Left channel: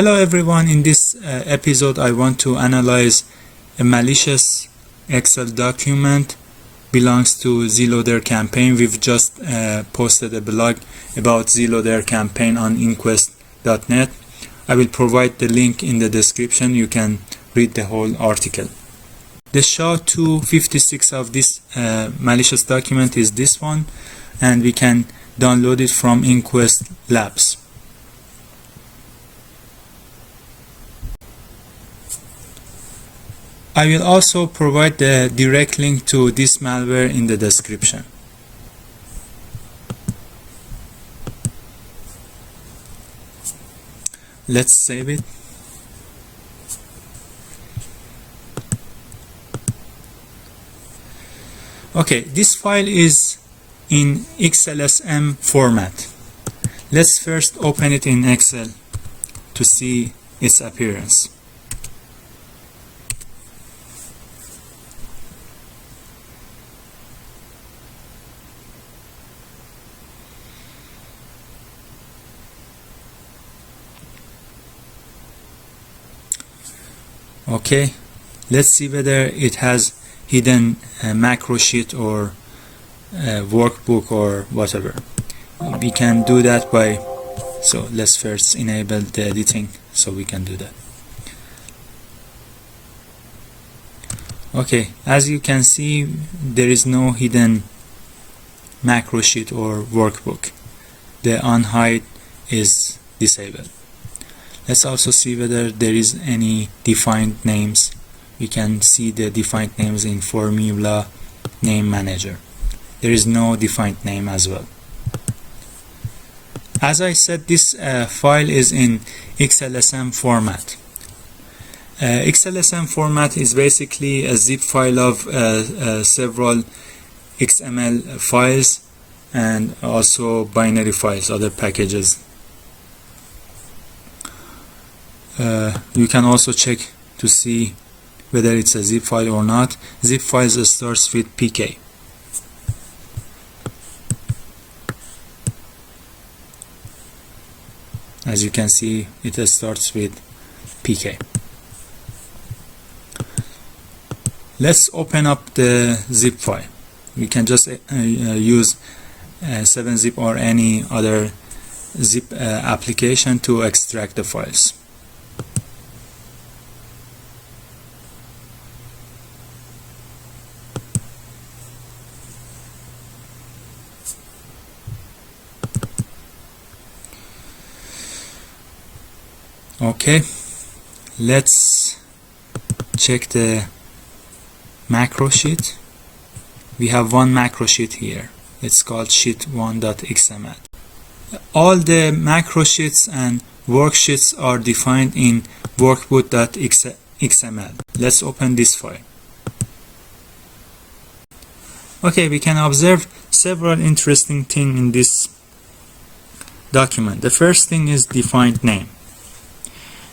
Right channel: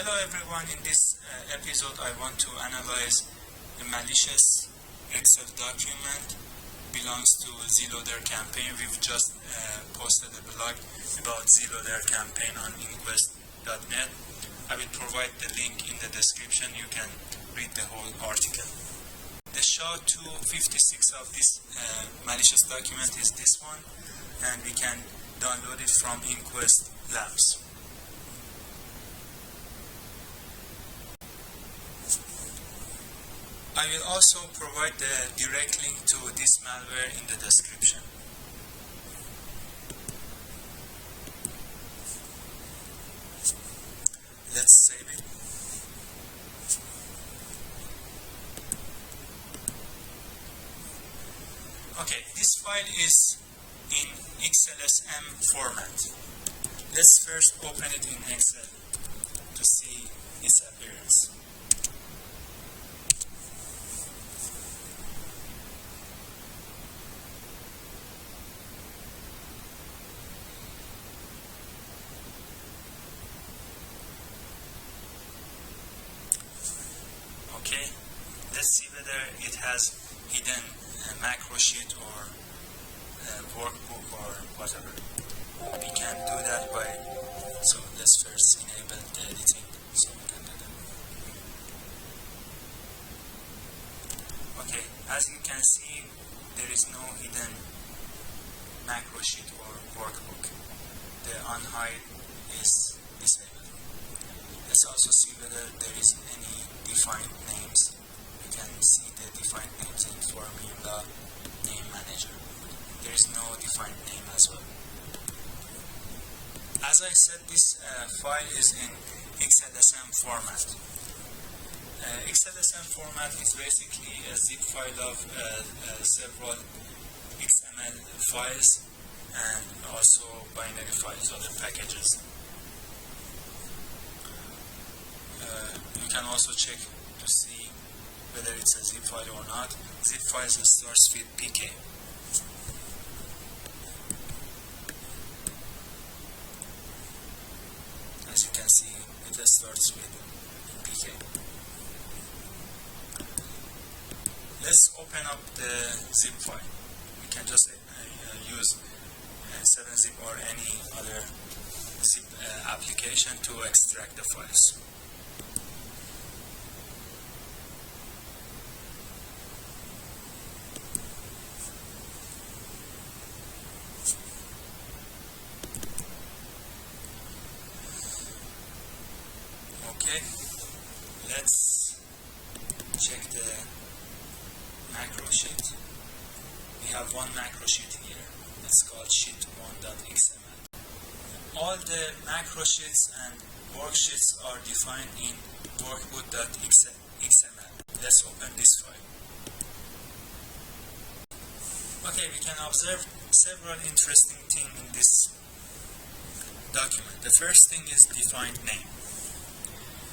Hello everyone, in this episode I want to analyze a malicious Excel document belongs to Zloader campaign. We've just posted a blog about Zloader campaign on InQuest.net. I will provide the link in the description. You can read the whole article. The SHA-256 of this malicious document is this one, and we can download it from InQuest Labs. I will also provide the direct link to this malware in the description. Let's save it. Okay, this file is in xlsm format. Let's first open it in Excel to see its appearance. Okay, let's see whether it has hidden macro sheet or workbook or whatever. We can do that by, so let's first enable the editing so we can do that. Okay, as you can see, there is no hidden macro sheet or workbook. The unhide is disabled. Let's also see whether there is any defined names. We can see the defined names in Formula Name Manager. There is no defined name as well. As I said, this file is in xlsm format. xlsm format is basically a zip file of several XML files and also binary files, other packages. You can also check to see whether it's a zip file or not. Zip files starts with pk. As you can see, it starts with pk. Let's open up the zip file. We can just use 7-zip or any other zip application to extract the files. Okay, let's check the macro sheet. We have one macro sheet here. It's called sheet1.xml. All the macro sheets and worksheets are defined in workbook.xml. Let's open this file. Okay, we can observe several interesting things in this document. The first thing is defined name.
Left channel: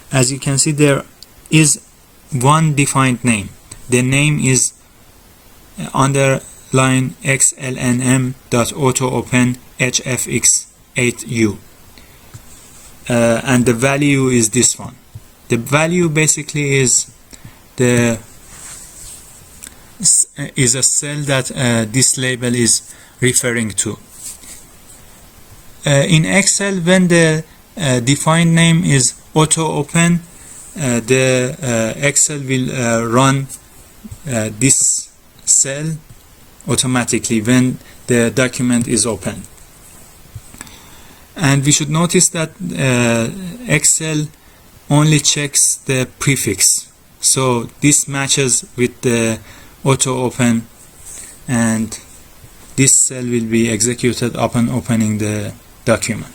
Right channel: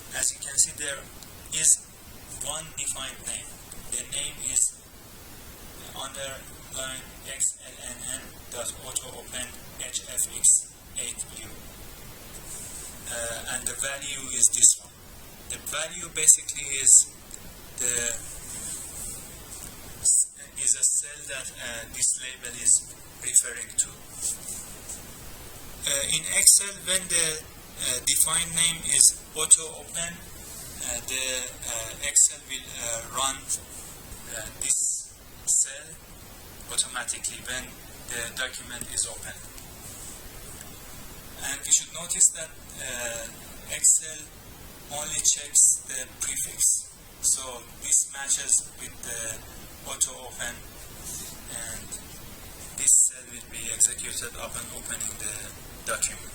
As you can see, there is one defined name. The name is underline xlnm.autoopen hfx8u, and the value is this one. The value basically is a cell that this label is referring to. In Excel, when the defined name is auto open, the Excel will run this cell automatically when the document is open. And we should notice that Excel only checks the prefix, so this matches with the auto open, and this cell will be executed upon opening the document.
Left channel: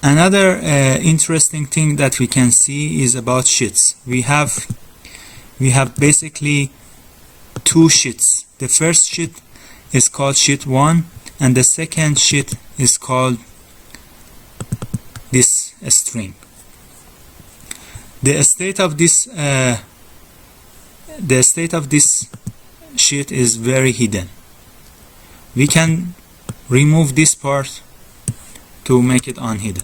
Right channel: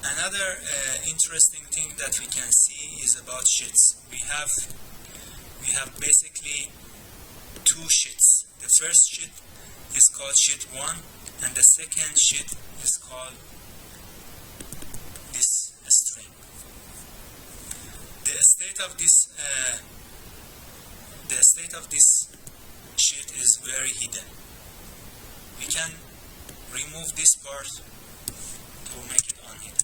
Another interesting thing that we can see is about sheets. We have basically two sheets. The first sheet is called sheet 1, and the second sheet is called this string. The state of this sheet is very hidden. We can remove this part to make it unhidden.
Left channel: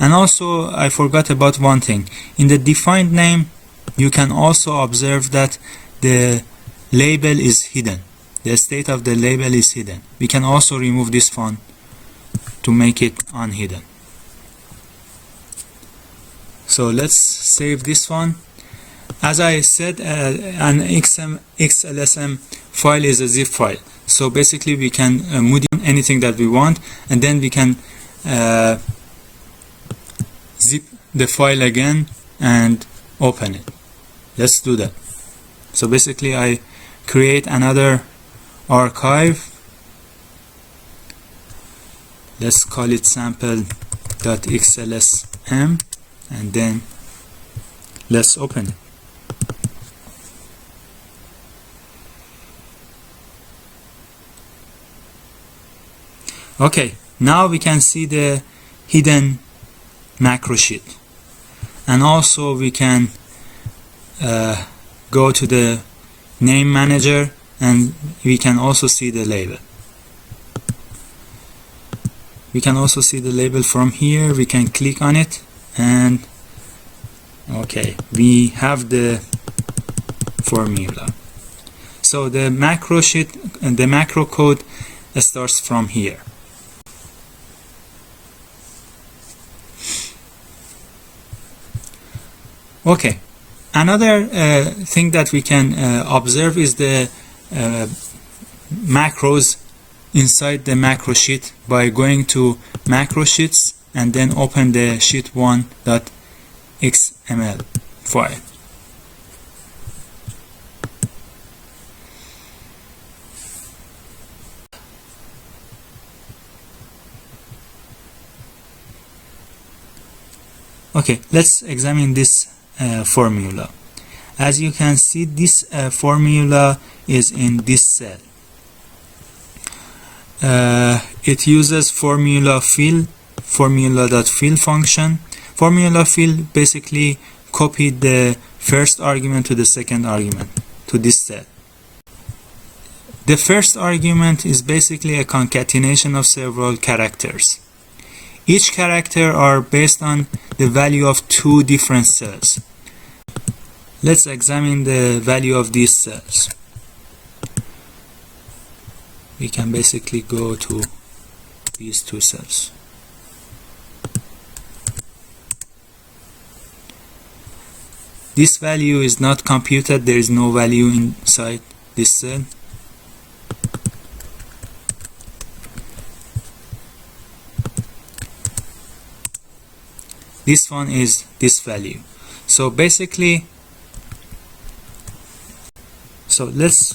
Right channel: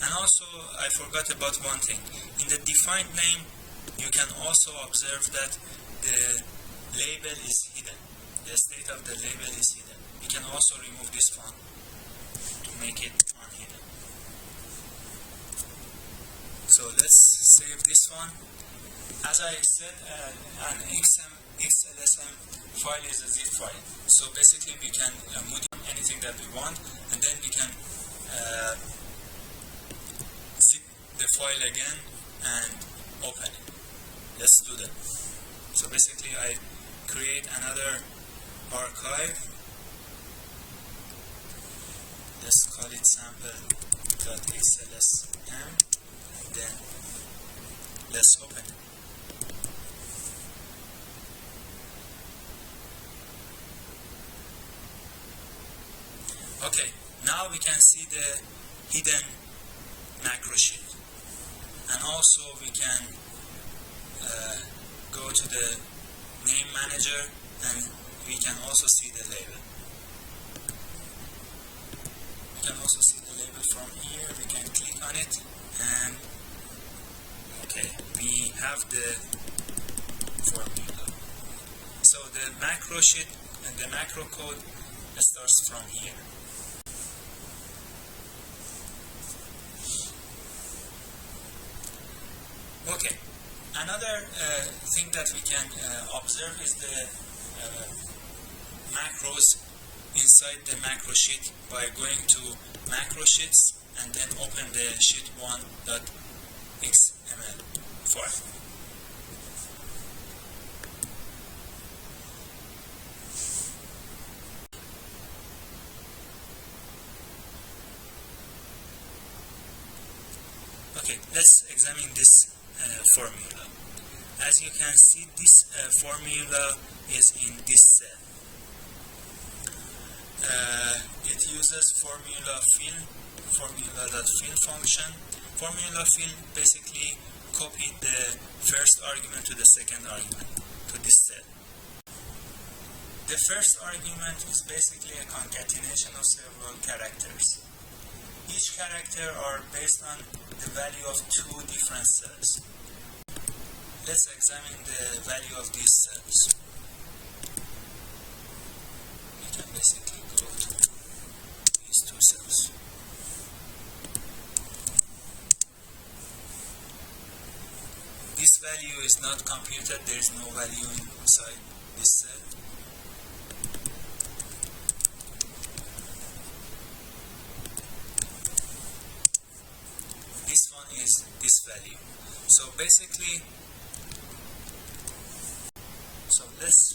And also I forgot about one thing. In the defined name you can also observe that the label is hidden. The state of the label is hidden. We can also remove this one to make it unhidden. So let's save this one. As I said, an xlsm file is a zip file. So basically we can modify anything that we want, and then we can zip the file again and open it. Let's do that. So basically I create another archive. Let's call it sample.xlsm, and then let's open it. Okay, now we can see the hidden macro sheet, and also we can go to the name manager, and we can also see the label. We can also see the label from here. We can click on it, and okay, we have the formula. So the macro sheet and the macro code starts from here. Okay, another thing that we can observe is the macros inside the macro sheet by going to macro sheets and then open the sheet1.xml file. Okay, let's examine this formula. As you can see, this formula is in this cell. It uses formula.fill function. Formula fill basically copied the first argument to the second argument to this cell. The first argument is basically a concatenation of several characters. Each character are based on the value of two different cells. Let's examine the value of these cells. We can basically go to these two cells. This value is not computed. There is no value inside this cell. This one is this value. So basically, let's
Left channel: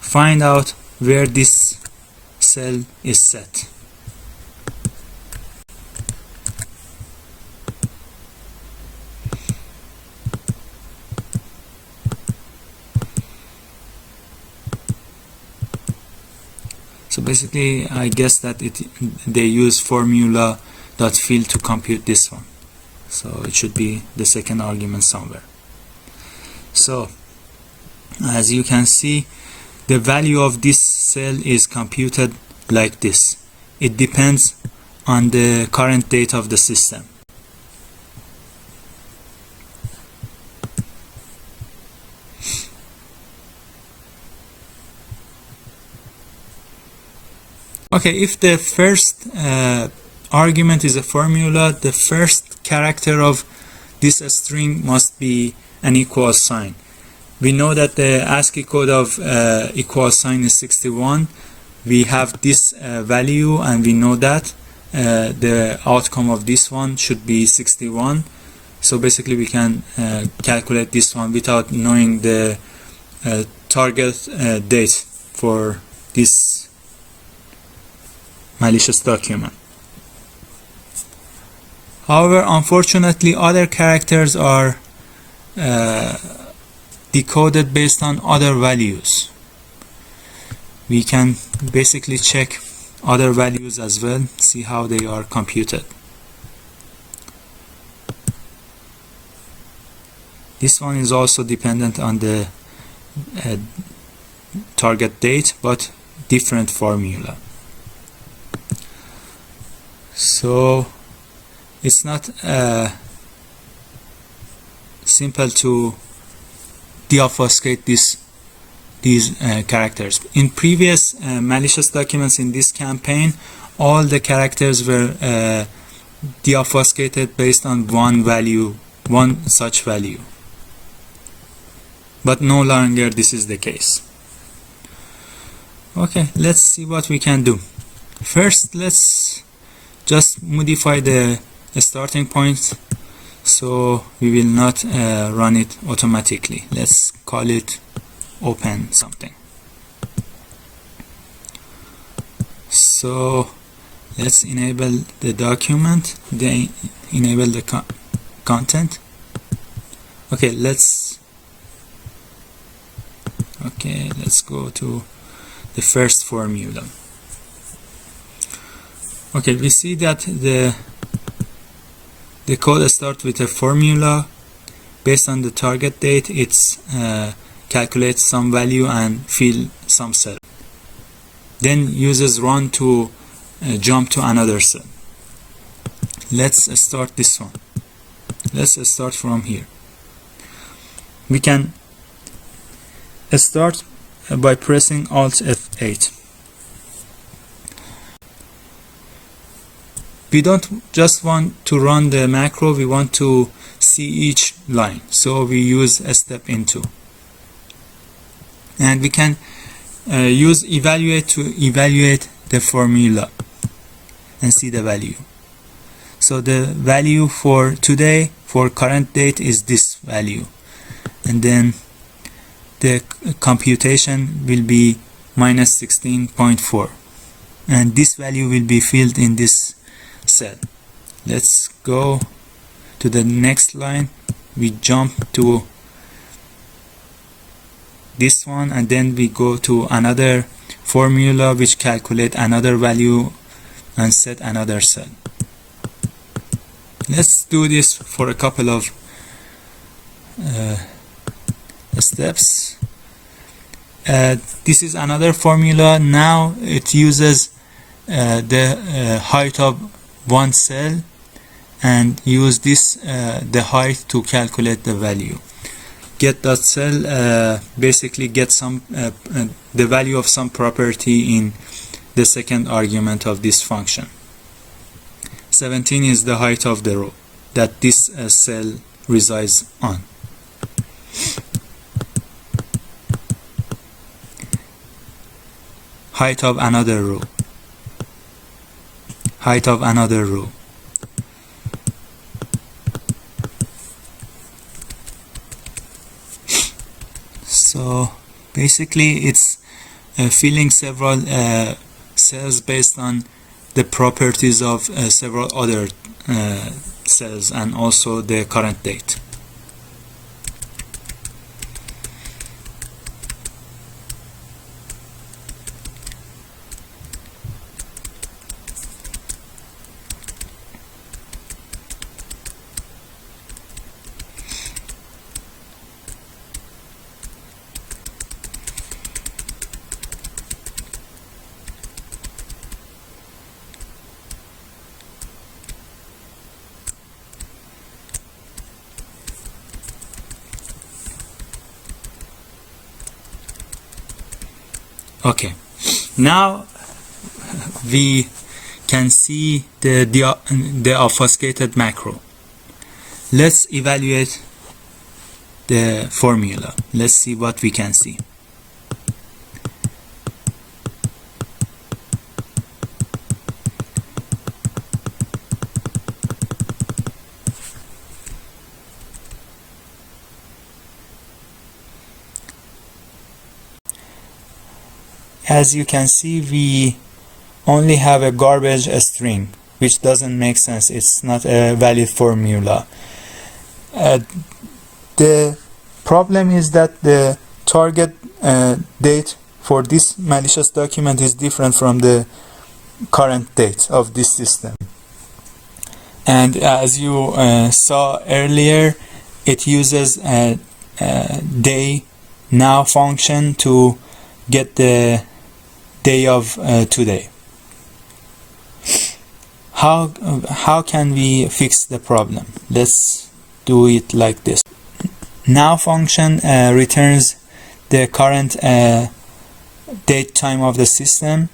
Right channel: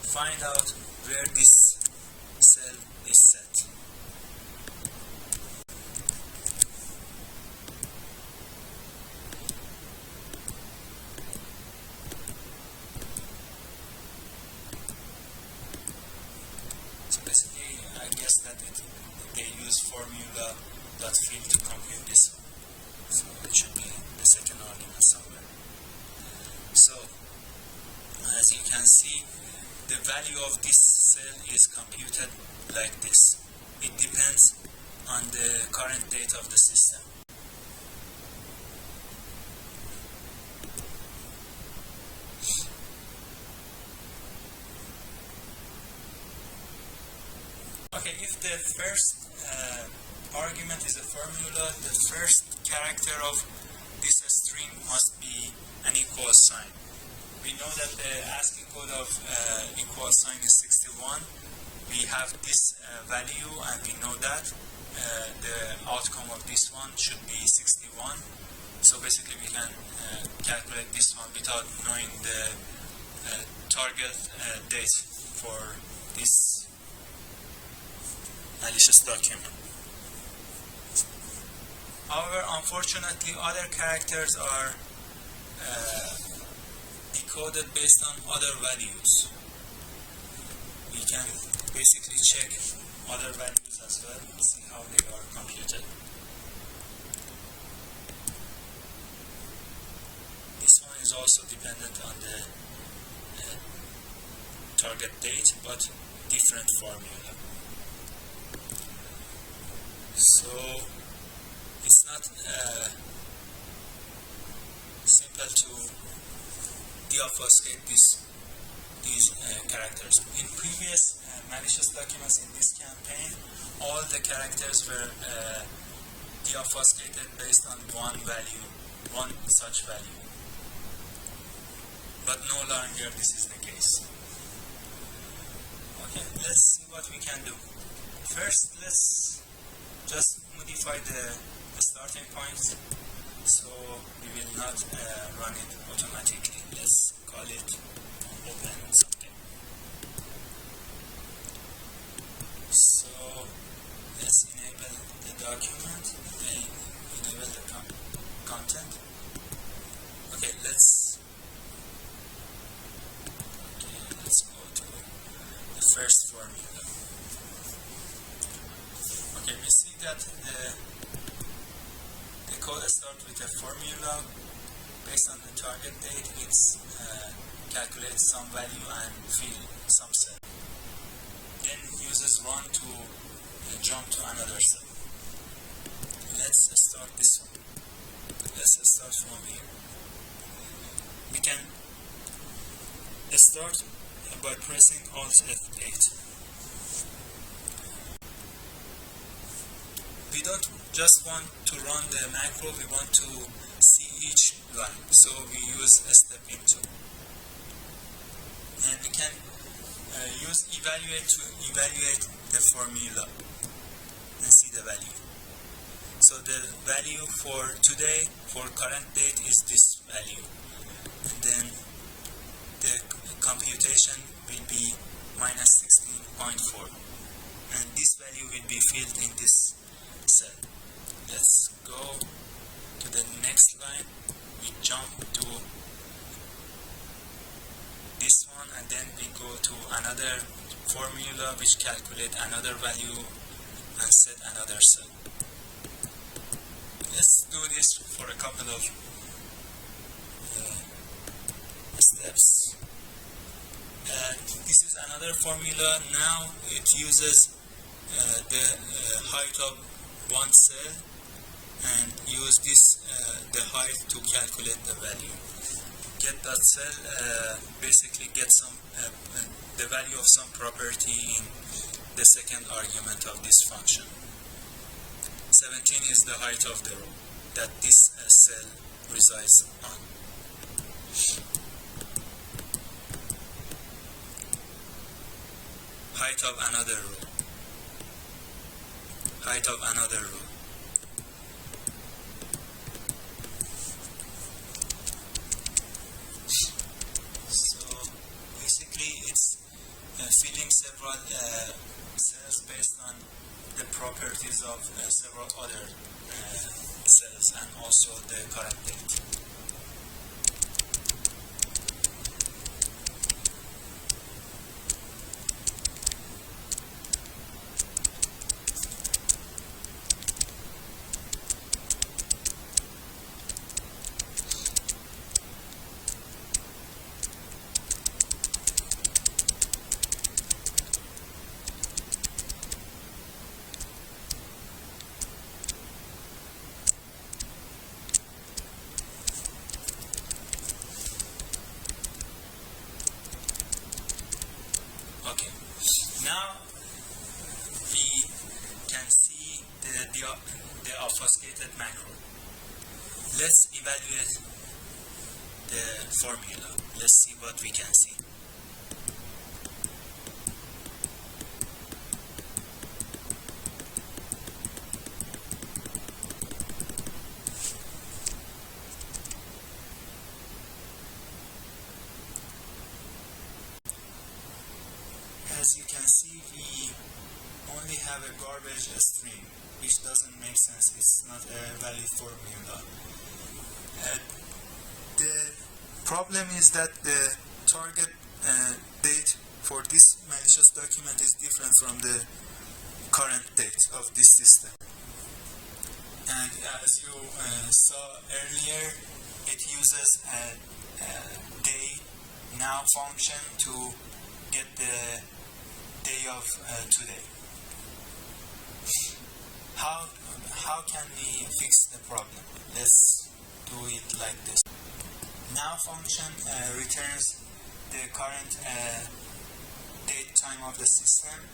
find out where this cell is set. So basically, I guess that they use formula.fill to compute this one. So it should be the second argument somewhere. So as you can see, the value of this cell is computed like this. It depends on the current date of the system. Okay, if the first argument is a formula, the first character of this string must be an equal sign. We know that the ASCII code of equal sign is 61. We have this value, and we know that the outcome of this one should be 61. So basically we can calculate this one without knowing the target date for this malicious document. However, unfortunately, other characters are decoded based on other values. We can basically check other values as well, see how they are computed. This one is also dependent on the target date, but different formula. So it's not simple to deobfuscate these characters. In previous malicious documents in this campaign, all the characters were deobfuscated based on one such value. But no longer this is the case. Okay, let's see what we can do. First, let's just modify the starting point so we will not run it automatically. Let's call it open something. So let's enable the document, enable the content. Okay, let's go to the first formula. Okay, we see that the code starts with a formula. Based on the target date, it's calculates some value and fill some cell. Then uses run to jump to another cell. Let's start this one. Let's start from here. We can start by pressing Alt F8. We don't just want to run the macro, we want to see each line. So we use a step into. And we can use evaluate to evaluate the formula and see the value. So the value for today, for current date, is this value. And then the computation will be minus 16.4. And this value will be filled in this cell. Let's go to the next line. We jump to this one and then we go to another formula which calculate another value and set another cell. Let's do this for a couple of steps. This is another formula. Now it uses the height of one cell and use this the height to calculate the value. Get that cell basically get some the value of some property in the second argument of this function. 17 is the height of the row that this cell resides on. Height of another row. Height of another row. So basically it's filling several cells based on the properties of several other cells and also the current date. Okay, now we can see the obfuscated macro. Let's evaluate the formula. Let's see what we can see. As you can see, we only have a garbage string, which doesn't make sense. It's not a valid formula. The problem is that the target date for this malicious document is different from the current date of this system. And as you saw earlier, it uses a day now function to get the day of today. how can we fix the problem? Let's do it like this. Now function returns the current date time of the system,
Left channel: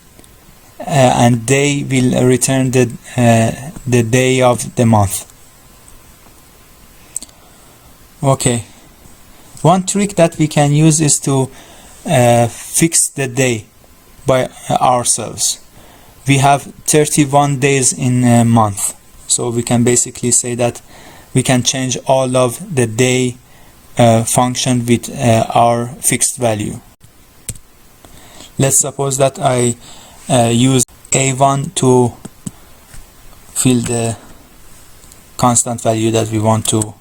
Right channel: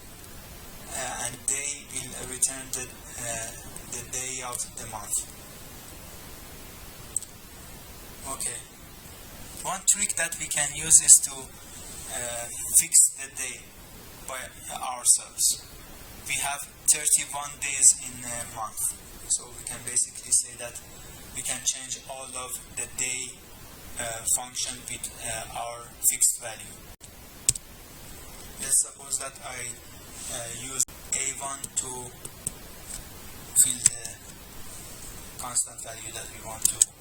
and day will return the day of the month. Okay, one trick that we can use is to fix the day by ourselves. We have 31 days in a month, so we can basically say that we can change all of the day function with our fixed value. Let's suppose that I use a1 to fill the constant value that we want to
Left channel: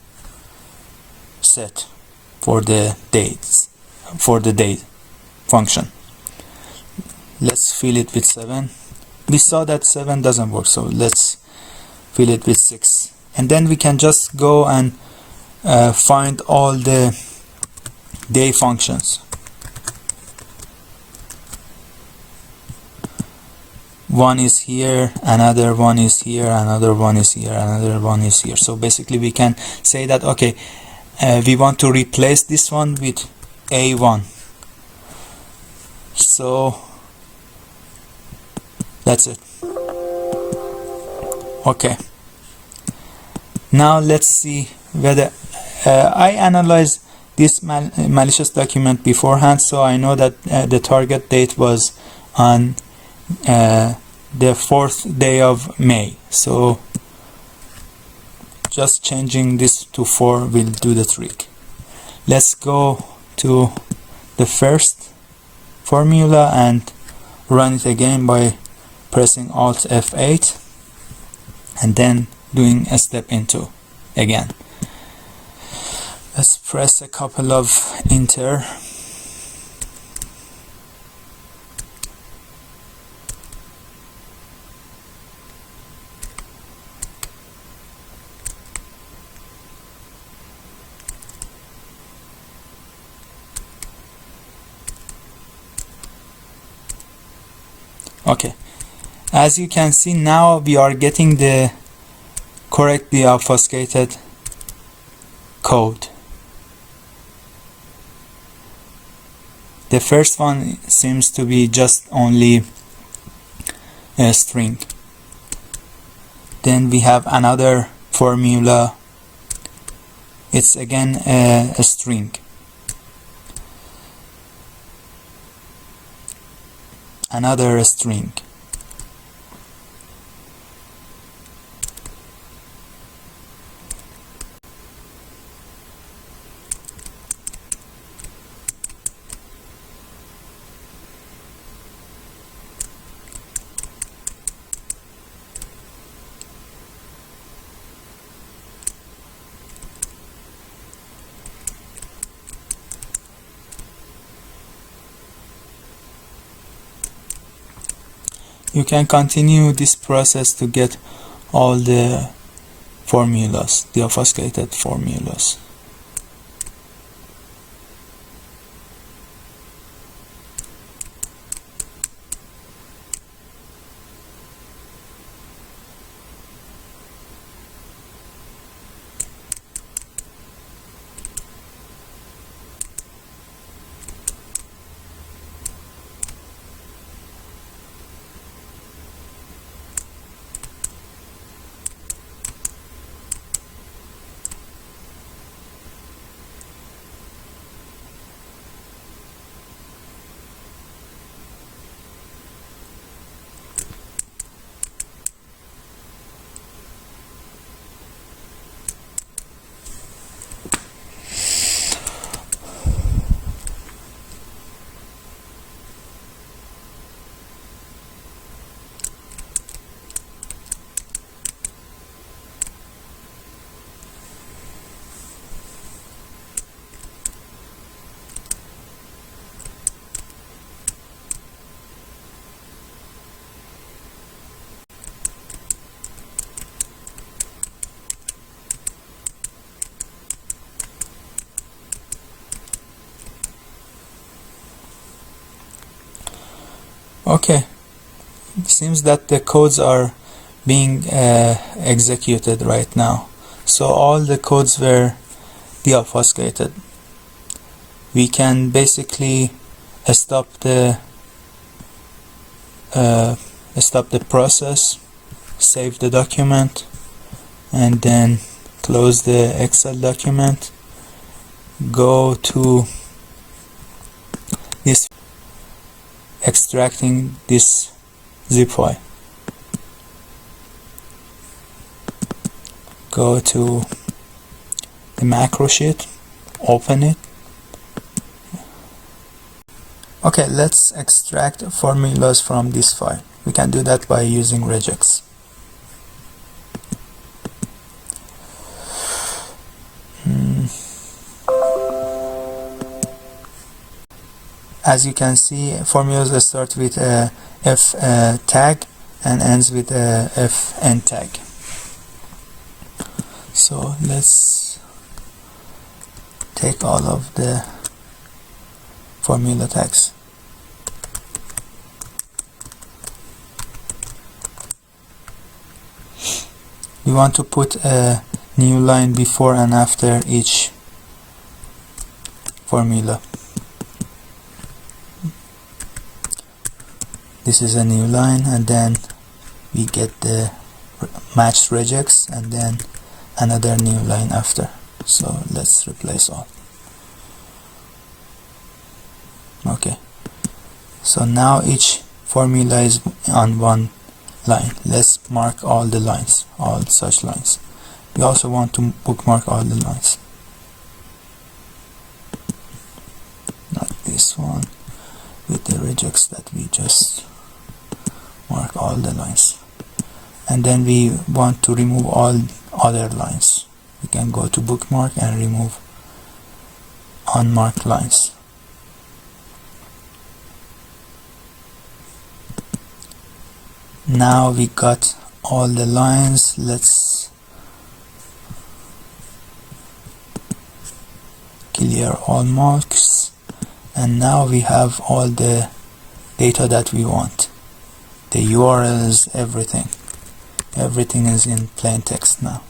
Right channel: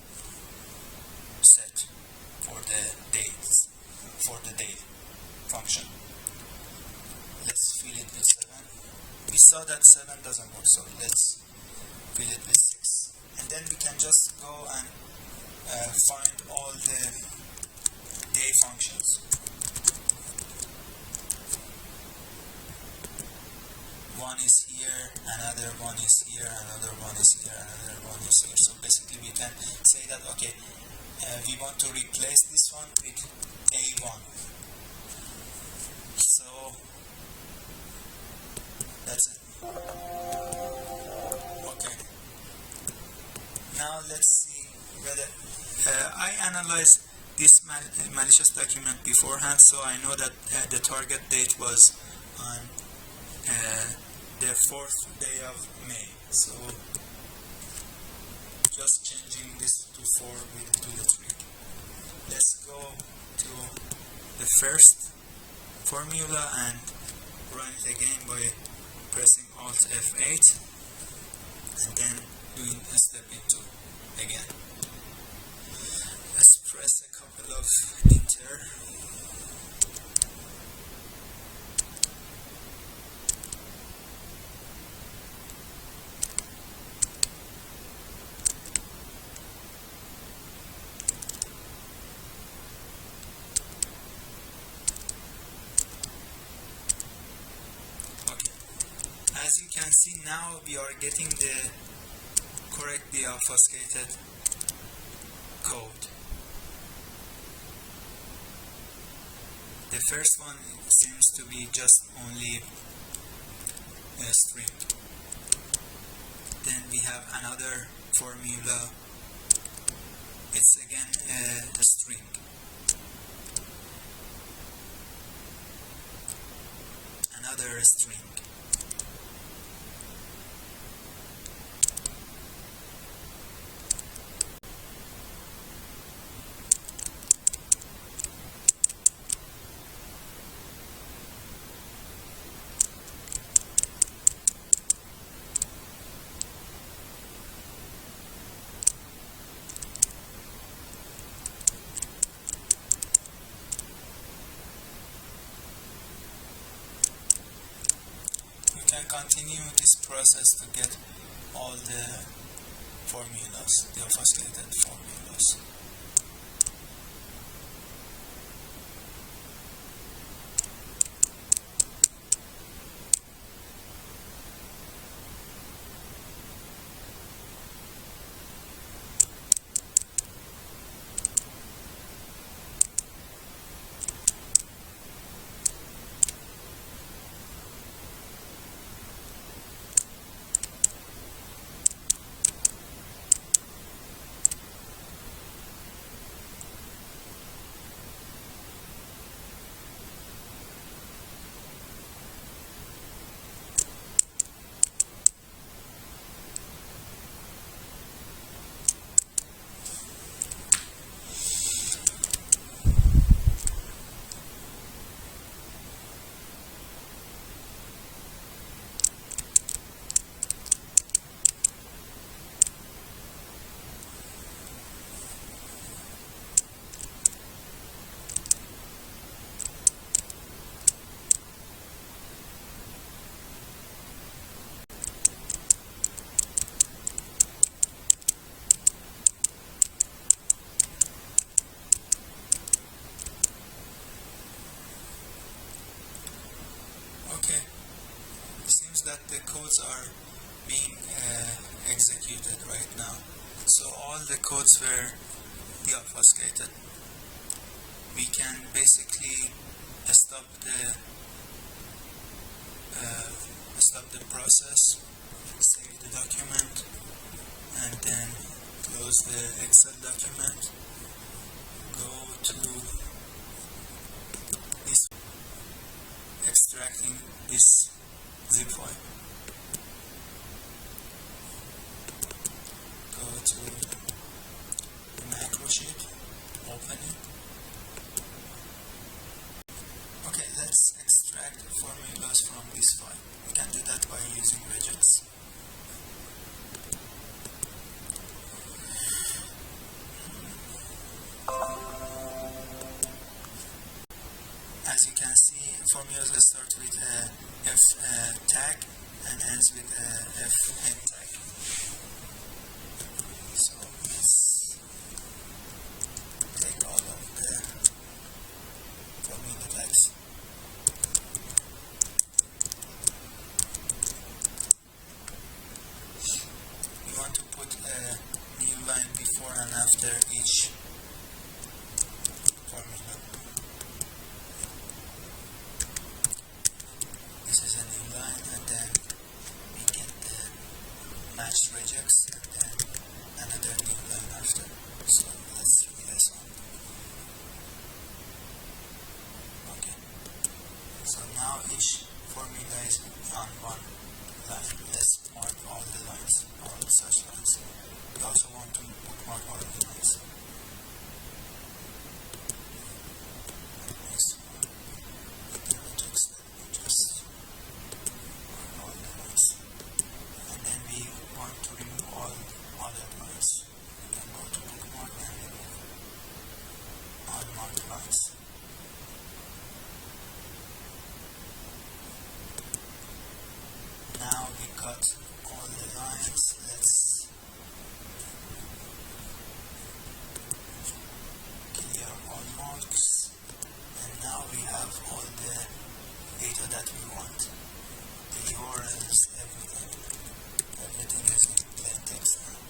set for the dates, for the date function. Let's fill it with 7. We saw that 7 doesn't work, so let's fill it with 6, and then we can just go and find all the day functions. One is here, another one is here, another one is here, another one is here. So basically we can say that, okay, we want to replace this one with a1. So that's it. Okay, now let's see whether I analyzed this malicious document beforehand, so I know that the target date was on the 4th day of May. So just changing this to 4 will do the trick. Let's go to the first formula and run it again by pressing Alt F8 and then doing a step into again. Let's press a couple of enter. Okay, as you can see, now we are getting the correctly obfuscated code. The first one seems to be just only a string. Then we have another formula. It's again a string. Another string. You can continue this process to get all the formulas, the obfuscated formulas. Okay, it seems that the codes are being executed right now. So all the codes were deobfuscated. We can basically stop the process, save the document, and then close the Excel document. Go to this, extracting this zip file. Go to the macro sheet, open it. Okay, let's extract formulas from this file. We can do that by using regex. As you can see, formulas start with a f tag and ends with a fn tag. So let's take all of the formula tags. We want to put a new line before and after each formula. This is a new line, and then we get the matched regex, and then another new line after. So let's replace all. Okay, so now each formula is on one line. Let's mark all the lines, all such lines. We also want to bookmark all the lines, like this one with the regex that we just mark all the lines. And then we want to remove all other lines. We can go to bookmark and remove unmarked lines. Now we got all the lines. Let's clear all marks, and now we have all the data that we want. The URLs, everything is in plain text now.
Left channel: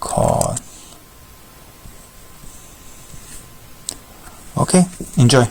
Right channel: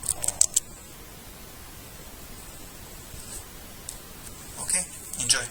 Call. Okay, enjoy.